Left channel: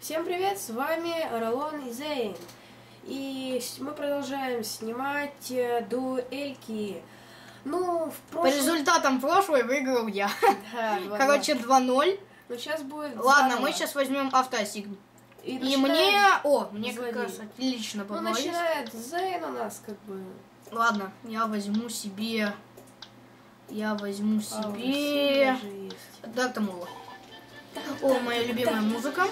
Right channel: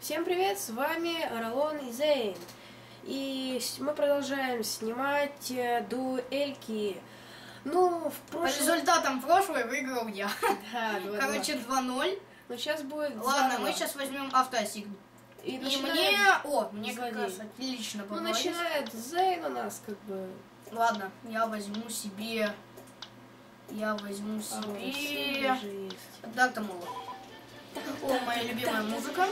Всем привет, с вами Ролон и Зейн. И мы продолжаем снимать э, дуэльки. Ну, в По прошлом... результатам прошлой выиграл я. Да. Короче, 2-0. Ну, сейчас будет Ладно, мы сейчас возьмем автоасигн. И, И мне... О, мне как злодей. раз отлично Ну, понравилось. начинает Зейн у нас, как бы... Ладно, я возьму себе... Я возьму а, себе... России даже есть. Дарта Мола. О, моя любимая музыка.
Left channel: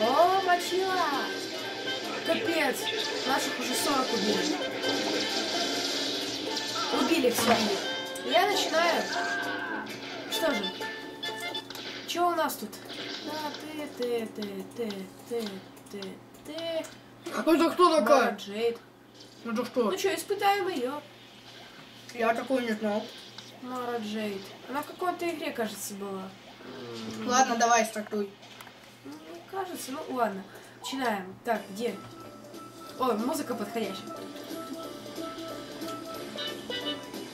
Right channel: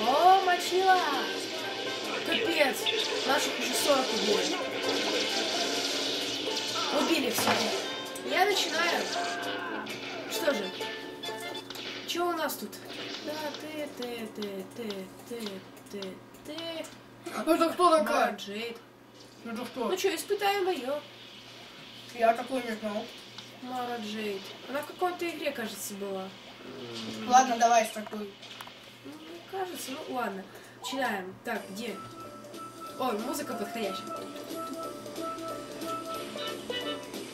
О, мочила! Капец! Наших уже 40 убили. Убили всех. Я начинаю. Что же? Что у нас тут? Да, ты, ты, ты, ты, ты, ты, ты. Это кто такая? Джейд. Это кто? Ну что, испытаем ее. Я такой не знал. Мара Джейд. Она в какой-то игре, кажется, была. Ладно, давай стартуй. Ну, кажется, ну ладно. Начинаем. Так, где? Ой, музыка подходящая.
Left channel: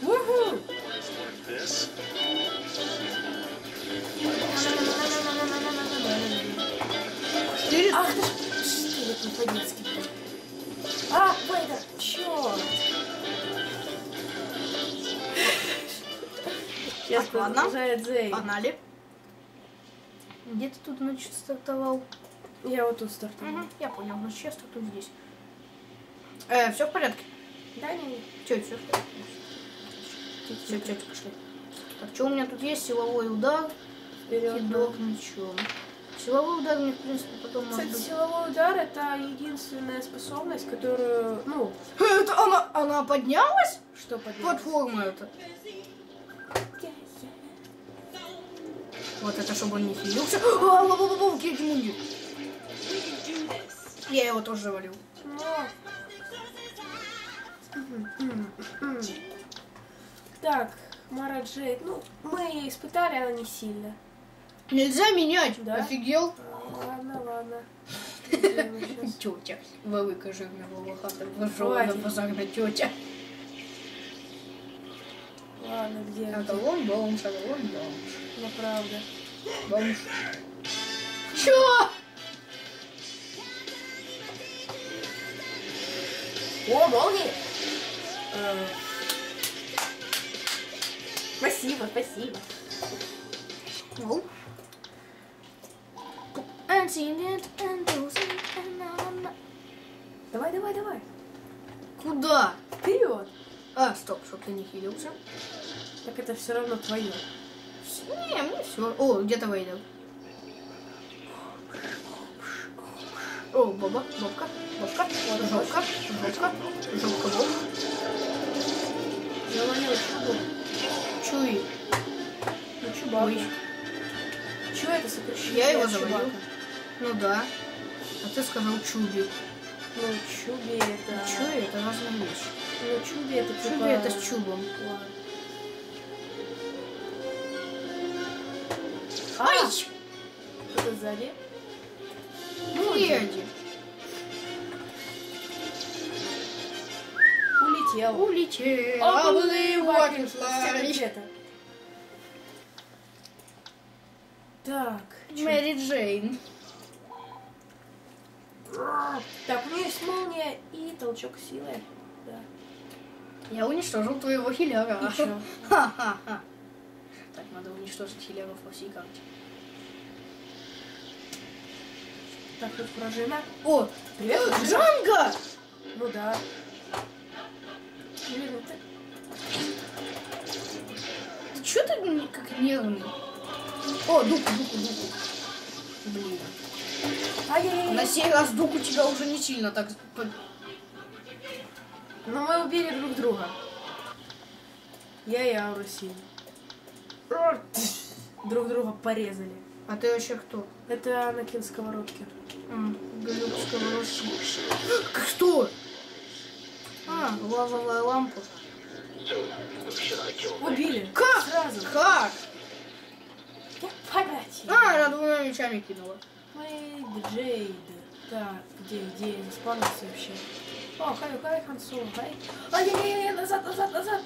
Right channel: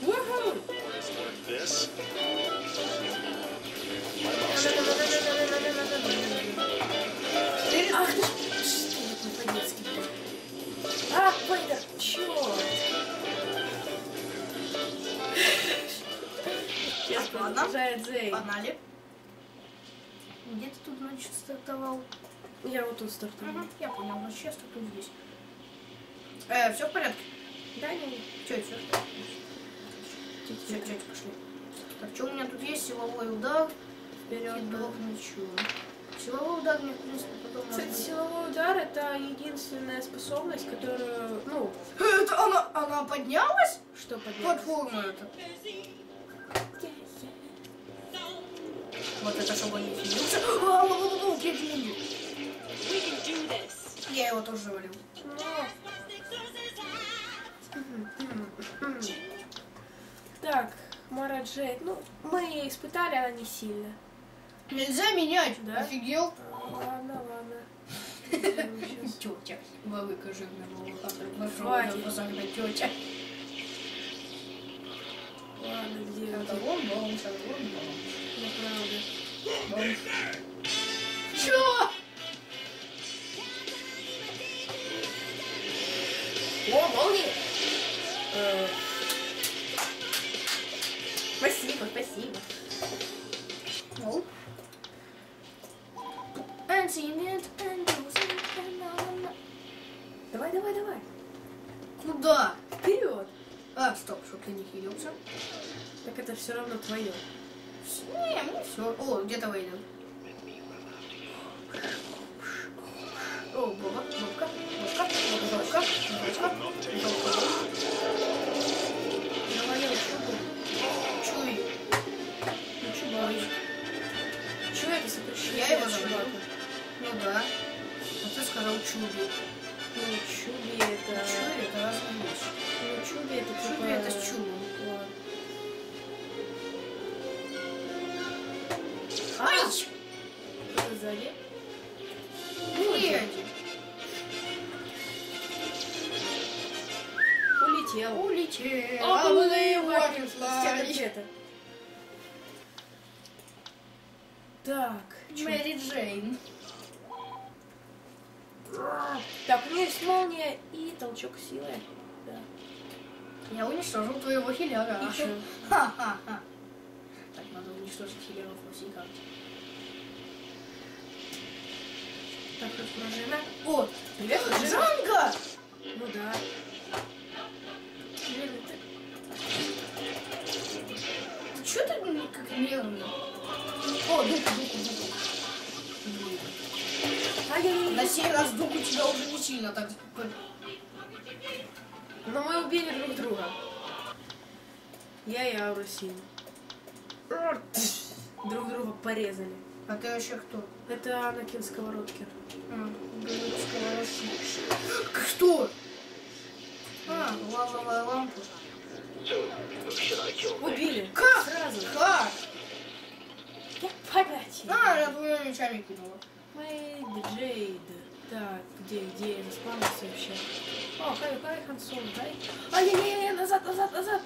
Уху! Ах ты ж... Что это по-детски? А, Вейдер, чёрт! Сейчас Так, ладно. Зей. Погнали. Где ты тут, значит, стартовал? Я вот тут стартую. Угу, я понял, значит, я стартую здесь. Э, все в порядке? Да, не. Че, все? Все, тетя, пошли. Так, что у меня тут есть? Силовой удар, Вперед. кидок мечом. Силовой удар мне, в принципе, потом может Кстати, быть... силовой удар это единственная способность, которую, ну, Это она, она поднялась? что поднять. Платформа это. Вот это, чтобы он не филился. А, ла-ла-ла-ла, третий мундир. Я его тоже завалил. Так, Мара Джейд, ну, мы ее испытали, она не сильно. Нельзя менять, Да? офигел? А, Ладно, ладно. Тетя, велика жирна волохата, Хватит. вижована позагна тетя. Ладно, где Это бомж, это вон бомж. Ну, правда. Чё? О, молния! Э, Спасибо, спасибо. Ну. Антусин, анана. Давай, давай, давай. Куда? Вперед! А, стоп, чтоб ты не хилился. Так это все равно твое. Не, мне все. О, где-то выйдет. О, баба, бабка, бабка, бабка, бабка, бабка, Завалил чубу. Чуй. Ну, чубак. Че это сокращение? Я его чубака? Ну да. А ты сказал чуби. Ну, чуби это... Чуй, это разные вещи. Ну, чуби это типа... Чуби это с чубом. Ладно. Ай! Кто-то сзади. Фредди. Улетел. Улетел. Обливатель. Обливатель. Где-то. Так. Мэри Джейн. Так, у меня есть молния и толчок силы. Да. Я уничтожил твоего хилера. Ха-ха-ха. Так, надо уничтожить хилеров по всей карте. Так, тут пружина. О, Привет, пружина. Джанго! Ну да. Блин, это... Ты чё ты как нервный? О, дуку, дуку, дуку. Блин. Ай-яй-яй. На сей раз дук у тебя уже не сильно так... Но мы убили друг друга. Я и Ауру сильно. Друг друга порезали. А ты вообще кто? Это Анакин Сковородкин. Сковородки. Кто? А, лавовая лампа. Убили. Как? Сразу. Как? Я понятия. А, она двумя мечами кинула. Мэйд Джейд. Так, где, где я заспавнился вообще? О, хай, хай, Хан Соло, хай. Ай-яй-яй, назад, назад, назад.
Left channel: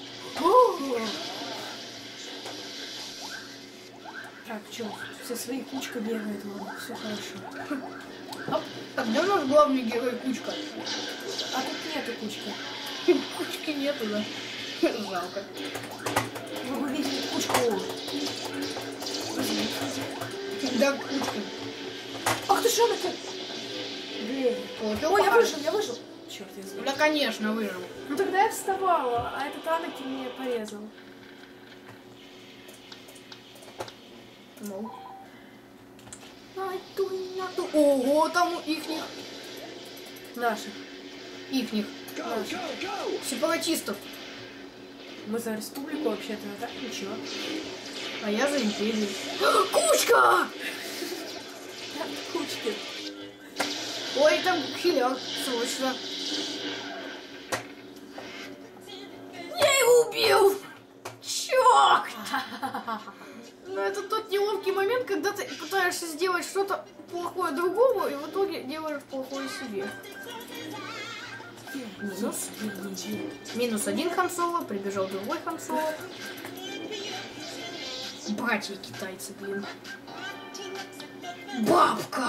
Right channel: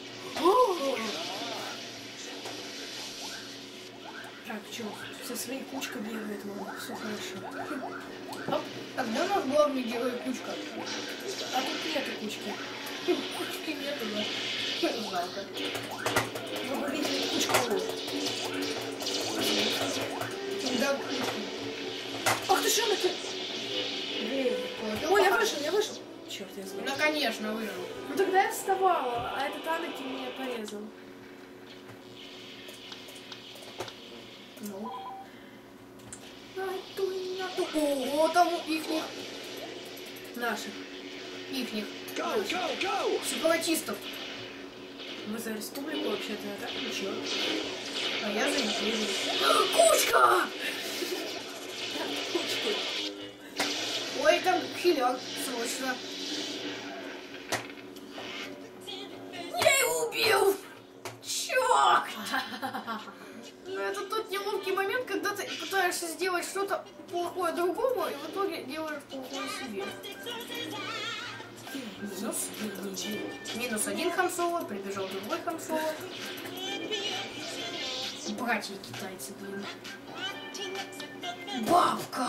Так, что, со своей кучкой бегает, вон, все хорошо. А где у нас главный герой Кучка? А тут нету кучки. Кучки нету, да? Жалко. Вы бы видели кучку. Да, Кучка. Ах ты что ты? Блин. Ой, я вышел, я вышел. Черт, я знаю. Ну, конечно, выжил. Ну тогда я вставала, а этот Анакин меня порезал. Ну. Ого, там у ихних, Наших. ихних сепаратистов. Мы за республику вообще-то, а так ничего. А я за империю. Кучка! Кучки. Ой, там хиляк, срочно. Это тот неловкий момент, когда ты пытаешься сделать что-то плохое другому, и в итоге делаешь плохое себе. Минус. Минус один Хан Соло, прибежал другой Хан Соло. Братья китайцы, блин. Бабка!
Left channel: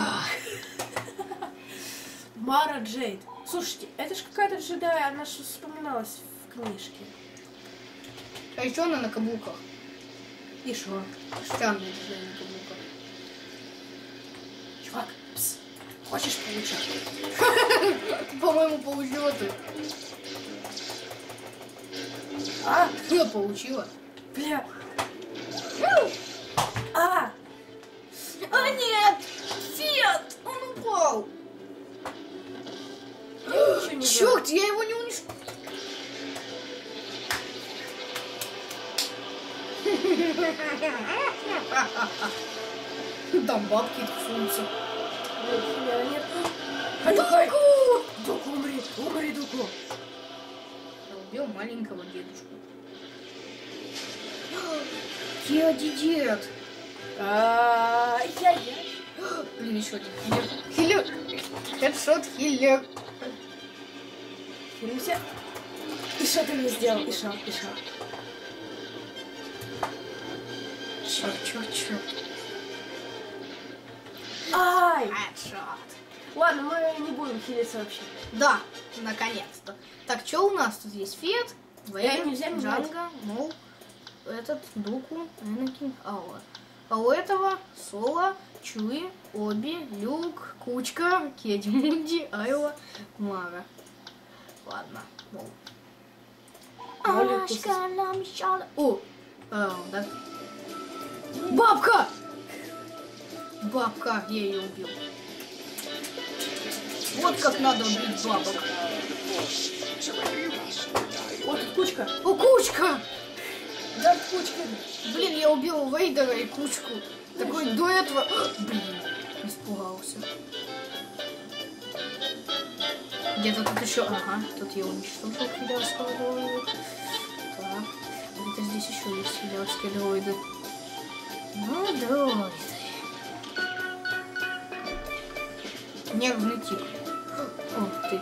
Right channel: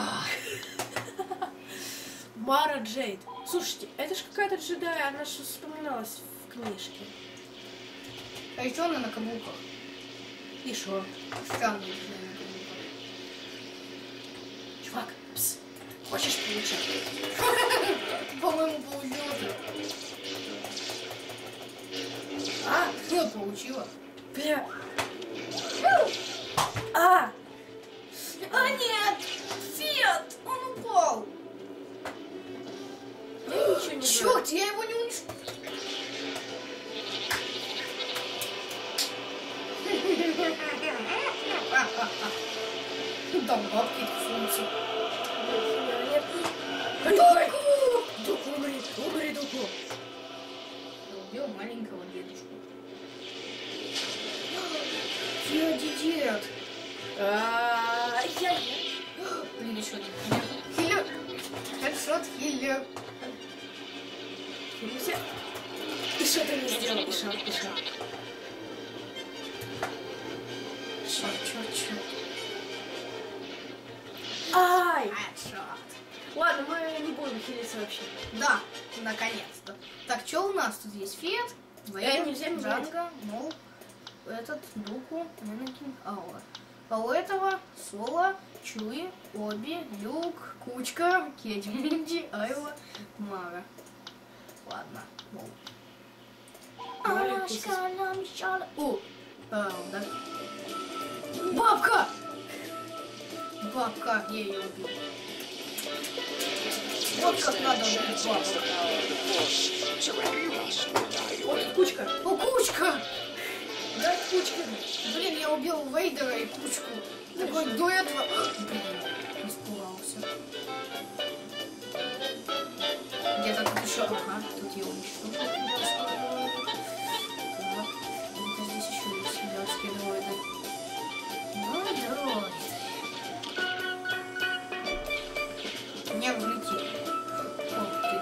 Мара Джейд. Слушайте, это же какая-то джедай, она же вспоминалась в книжке. А еще она на каблуках. И шо? Каблуках. Чувак, пс, хочешь получать? По-моему, получила ты. А, я получила. Бля. А! А нет! Фет! Он упал! Я ничего не. Черт, я его не уничтожил. Там бабки тусуются. Нет, нет. Дуку! Умри, умри, Дуку. Я убил маленького дедушку. Дядя дед! Ай-яй-яй. Блин, еще один. Хиллер! Хедшот хиллер. Хилимся. И что ты мне сделал? И шо, и шо? Черт. Ай! Хедшот. Ладно, мы не будем хилиться вообще. Да, наконец-то. Так, что у нас тут есть? Фет, нельзя Вейн, менять. Джанго, Мол, этот, Дуку, Энакин, Ауа. А у этого Соло, Чуи, Оби, Люк, Кучка, Кеди Мунди, Айва, Мара. Ладно, Мол. Молли О, а, да. Бабка! Бабка, я ее убил. Вот как надо убить бабок. Вот кучка. О, кучка! Да, кучка. Блин, я убил Вейдера и кучку. Такой до этого... Блин, испугался. Где-то тут еще... Ага, тут я уничтожил дроида. Так, где-то здесь еще есть хилярские дроиды. Ну. Нервный тип. Ух ты.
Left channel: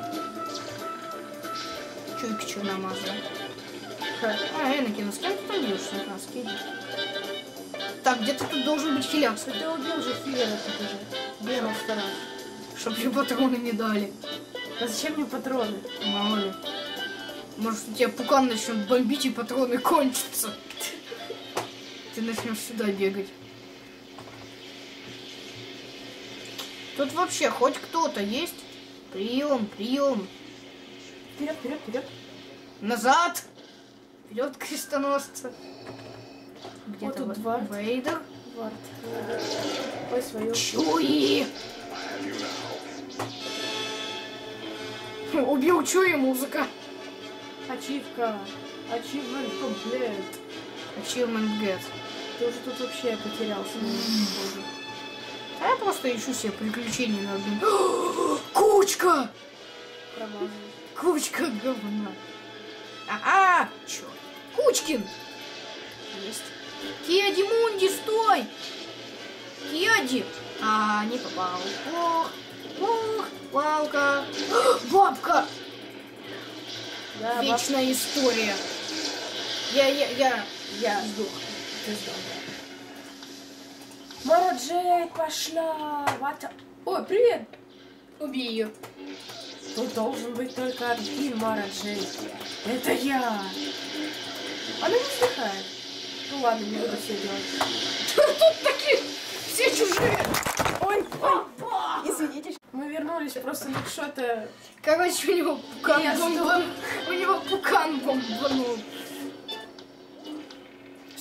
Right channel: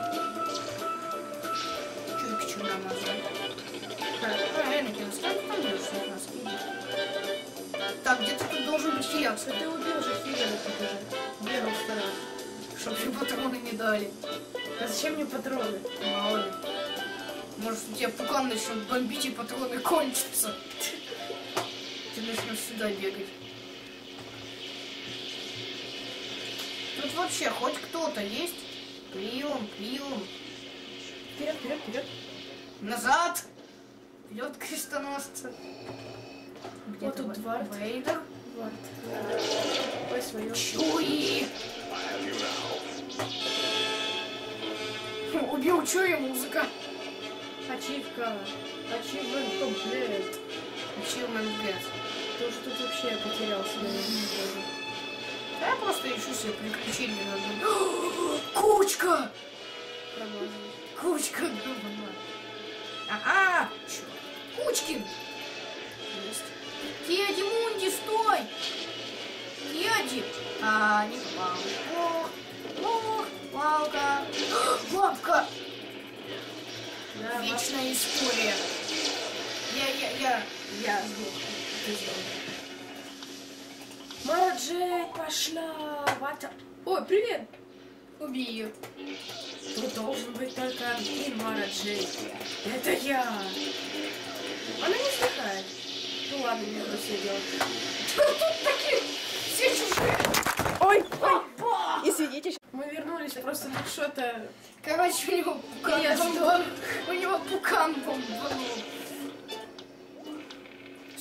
Чуйка черномазая. А, Энакин, сколько ты там бьешься? А, скиди. Так, где-то тут должен быть хиляк, Ты убил же хилера тут уже. Бегал сто раз. чтобы мне патроны не дали. А зачем мне патроны? Мало ли. Может, у тебя пукан начнет бомбить и патроны кончатся. Ты начнешь сюда бегать. Тут вообще хоть кто-то есть? Прием, прием. Вперед, вперед, вперед. Назад! Вперед, крестоносцы. Где Вот тут Двард. Вейдер. Вард. Ой, свою. Чуи! Убил Чуи музыка. Ачивка. Ачивмент комплект. Achievement get. Ты уже тут вообще потерялся, наверное. А я просто ищу себе приключения на Кучка! Кучка говна. А, -а черт. Кучкин! Есть. Кеди Мунди, стой! Кеди! А, не попал. Ох, ох, палка. Бабка! Да, Вечная история. Я, я, я, Я. Мара Джей пошла. Вата. Ой, привет. Убей ее. Тут должен быть только один Мара Джей. Это я. Она не вздыхает. Ну ладно, не буду все делать. Тут такие все чужие. Ой, ой. Извините. Мы вернулись просто на что-то... Короче, у него пукан Я бомбанул. У него пукан бомбанул.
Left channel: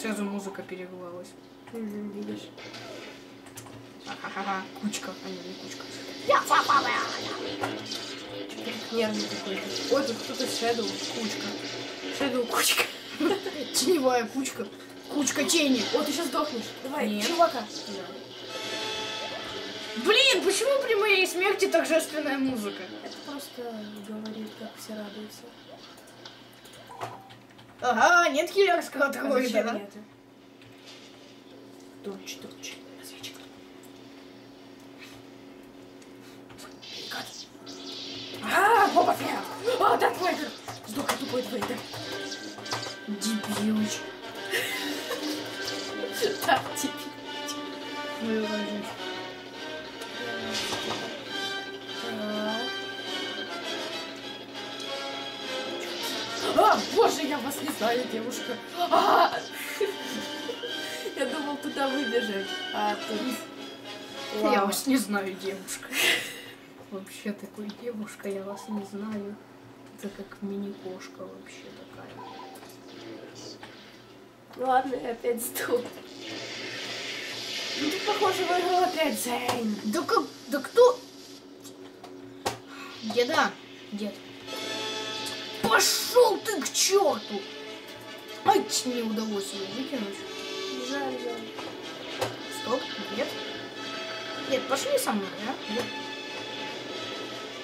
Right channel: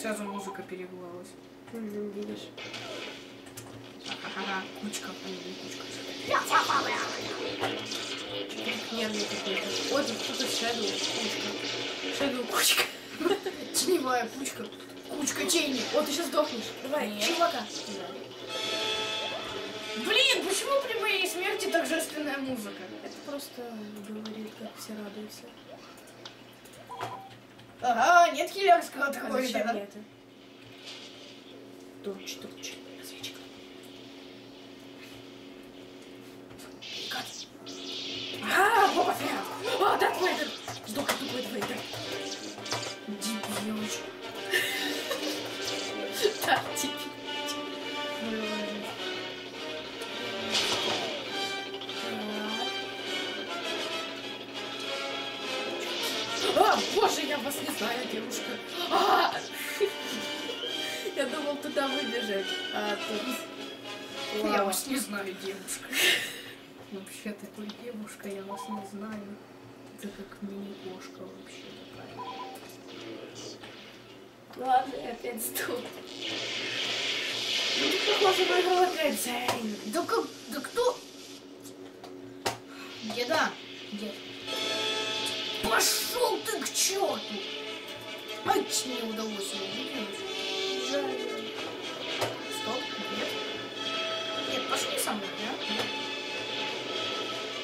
Сразу музыка перегревалась. Мгм, Видишь. Ха-ха-ха. Кучка, а не, кучка. Нервный какой-то. Ой, тут кто-то Шэдоу. Кучка. Шэдоу кучка. Теневая кучка. Кучка тени. О, ты сейчас сдохнешь. Давай, Нет. чувака. Блин, почему при моей смерти торжественная музыка? Это просто говорит, как все радуются. Ага, нет киллерского А зачем такой. мне это? Турч, турч. Вас не знаю, девушка. Я думал туда выбежать, а тут... Я вас не знаю, девушка. Вообще такой девушка, я вас не знаю. Это как мини-кошка вообще такая. Ладно, я опять сдох. Ну, тут, похоже, выиграл опять Зейн. Да как, да кто? Деда, дед. Пошел ты к черту! Ай, не удалось ее выкинуть. Жаль, жаль. Стоп, нет. Нет, пошли со мной, да? Нет.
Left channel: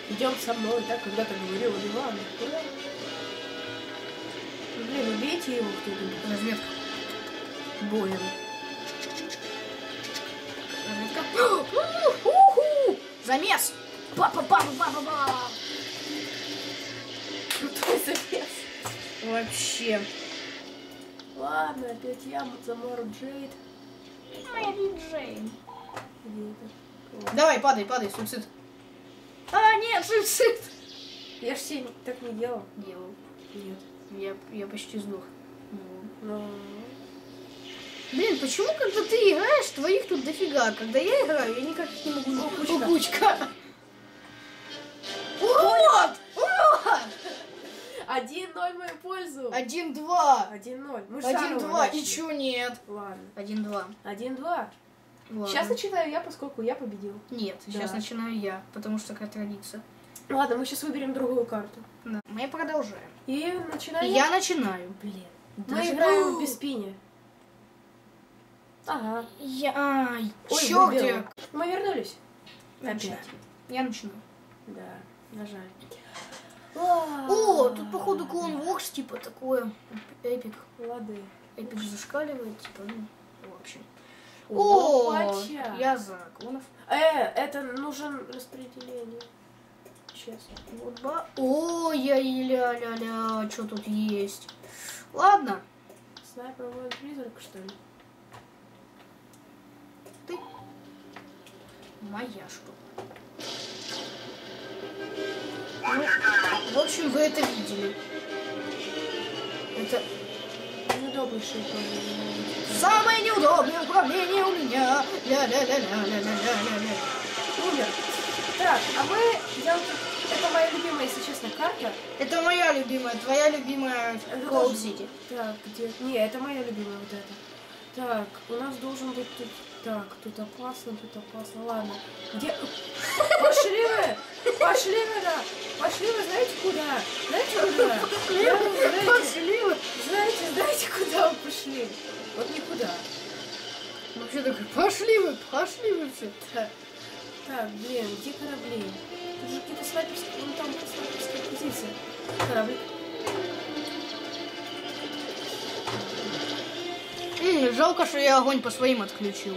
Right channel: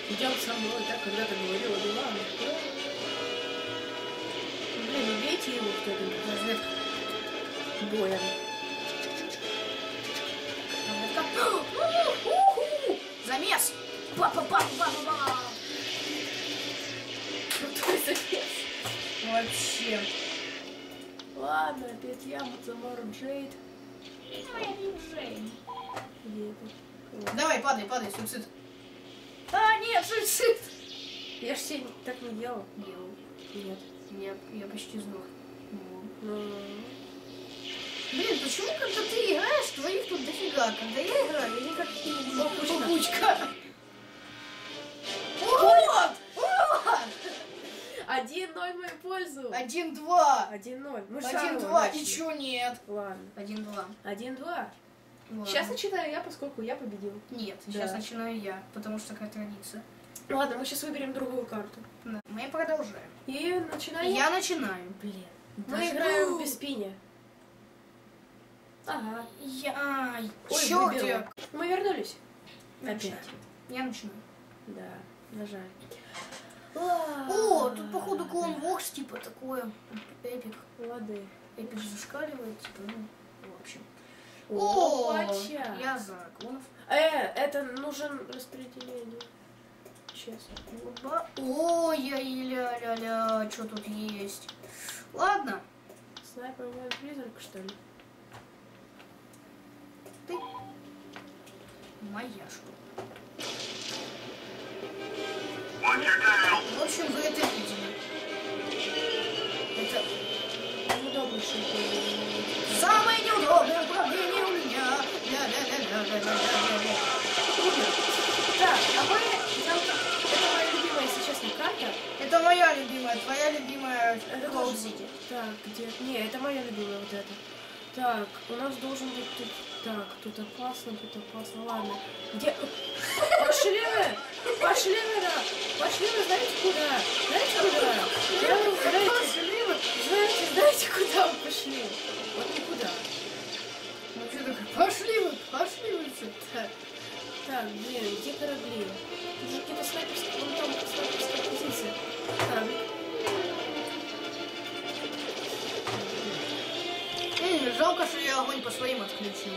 Идем со мной, так когда-то говорила Диван. Блин, убейте его кто-нибудь. Разведка. Боем. Разведка. Уху! Замес! Па-па-па-па-па-па! Крутой Вообще. Ладно, опять я Замору Джейд. Джейн. Где это? Вот. Давай, падай, падай, суицид. А, нет, суицид. Я ж себе так не делал. Делал. Нет. Я, я почти сдох. Ну, Блин, почему, когда ты играешь, твоих тут дофига? Когда я играю, я никак не могу. О, Один ноль в мою пользу. Один-два. Один ноль. Мы Один-два. Ничего нет. Ладно. Один-два. Один-два. Ладно. Сейчас начинаю я, поскольку я победил. Нет, сейчас Да. начинаю я, потому что такая традиция. Ладно, мы сейчас выберем другую карту. Да. Мы продолжаем. И начинаю Я начинаю. Блин. Мы даже- играем без спини. Ага. Я... Ой, чё где? Мы вернулись. Опять. Я начинаю. Да, нажали. О, тут походу клон Вокс, типа такое. Эпик. Лады. Эпик зашкаливает, типа, ну, в общем. О, я за клонов. Э, это нужен распределение. Честно. Вот ба... О, я и ля-ля-ля, что тут есть? Ладно, Снайпер воин призрак, что ли? ты моя штука. В общем, вы это видели. Это Неудобнейший управление. самое неудобное управление у меня. Ля-ля-ля-ля-ля-ля-ля. Умер. Так, а мы. Это моя любимая, если честно, карта. Это моя любимая, твоя любимая тоже- City. Так, где... Не, это моя любимая вот эта. Так, у нас должен быть тут... Так, тут опасно, тут опасно. Ладно. Где... Пошли вы! Пошли вы! Пошли вы, знаете куда? Знаете куда? Знаете, знаете, Пошли вы. знаете, знаете, куда вы пошли? Вот никуда. Вообще такой, пошли вы, пошли вы все. Так, так, блин, где корабли? Тут же какие-то снайперские... Ну, там снайперские позиции. Корабль. М, жалко, что я огонь по своим отключил.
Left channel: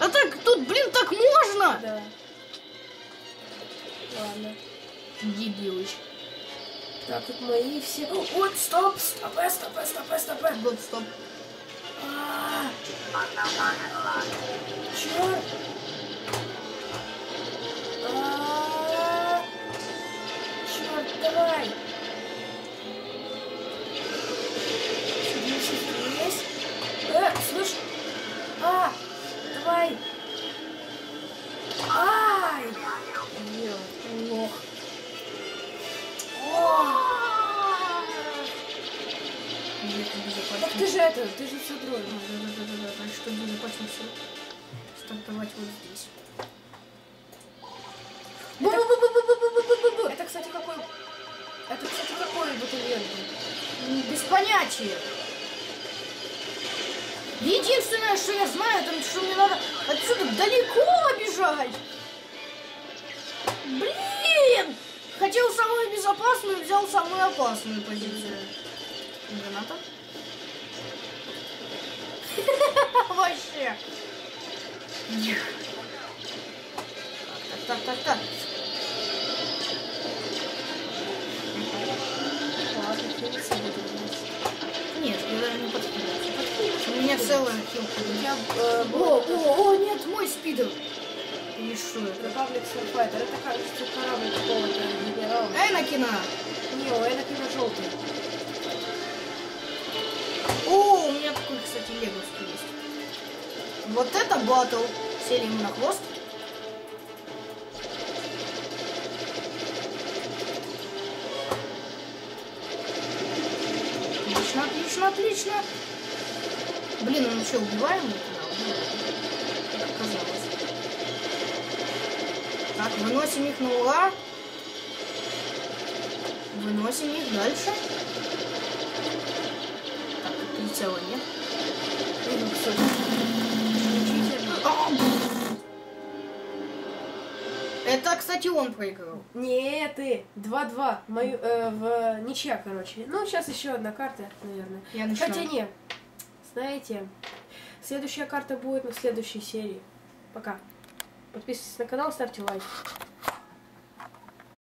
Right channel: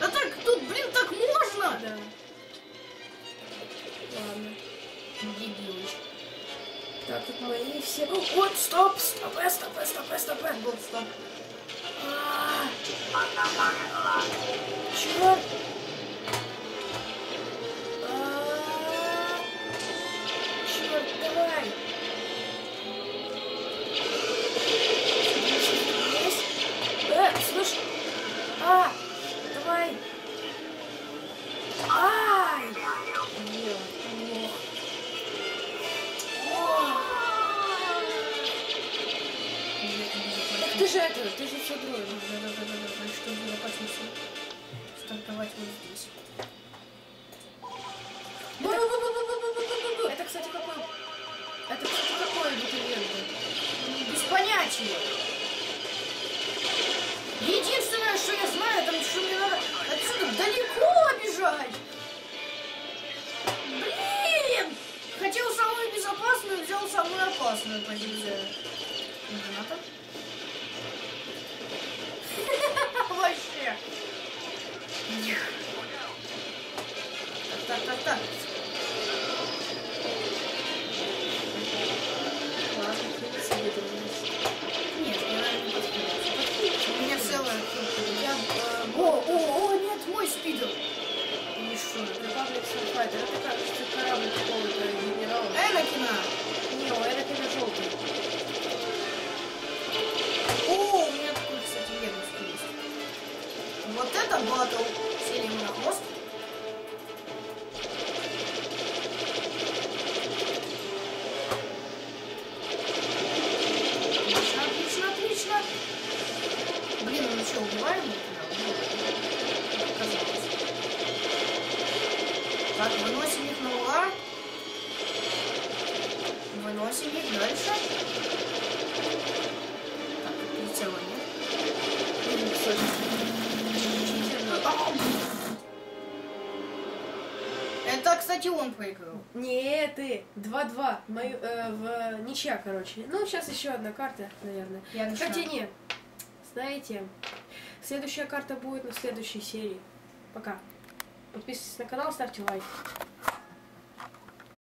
А так, тут, блин, так можно? Да. Ладно. Дебилыч. Так, тут мои все... О, Вот, стоп, стоп, стоп, стоп, стоп, стоп. Вот, стоп. А, Черт! А, все дрожжи, значит, чтобы не почувствовал. Стартовать вот здесь. Это, кстати, какой... Это, кстати, какой абитуриент был? Без понятия. Единственное, что я знаю, это что мне надо отсюда далеко бежать. Блин! Хотел самую безопасную, взял самую опасную позицию. Граната. Вообще. Так, так, так, Нет, я не подходит. У меня целая хилка. Я... э, О, о, о, нет, мой спидер. Или что? Republic Starfighter. Это, кажется, корабль какого-то генерала. Энакина. Не, у Энакина желтый. О, у меня такой, кстати, есть. Вот это батл. Сели ему на хвост. Отлично, отлично, отлично. Блин, он что, убиваем? Так, выносим их на ура. Выносим их дальше. Так, прицела нет. Кстати, исключительно. Это, кстати, он проиграл. Не, ты. 2-2. Мою, э, в ничья, короче. Ну, сейчас еще одна карта, наверное. Я начинаю. Хотя не. Знаете, следующая карта будет на следующей серии. Пока. Подписывайтесь на канал, ставьте лайк.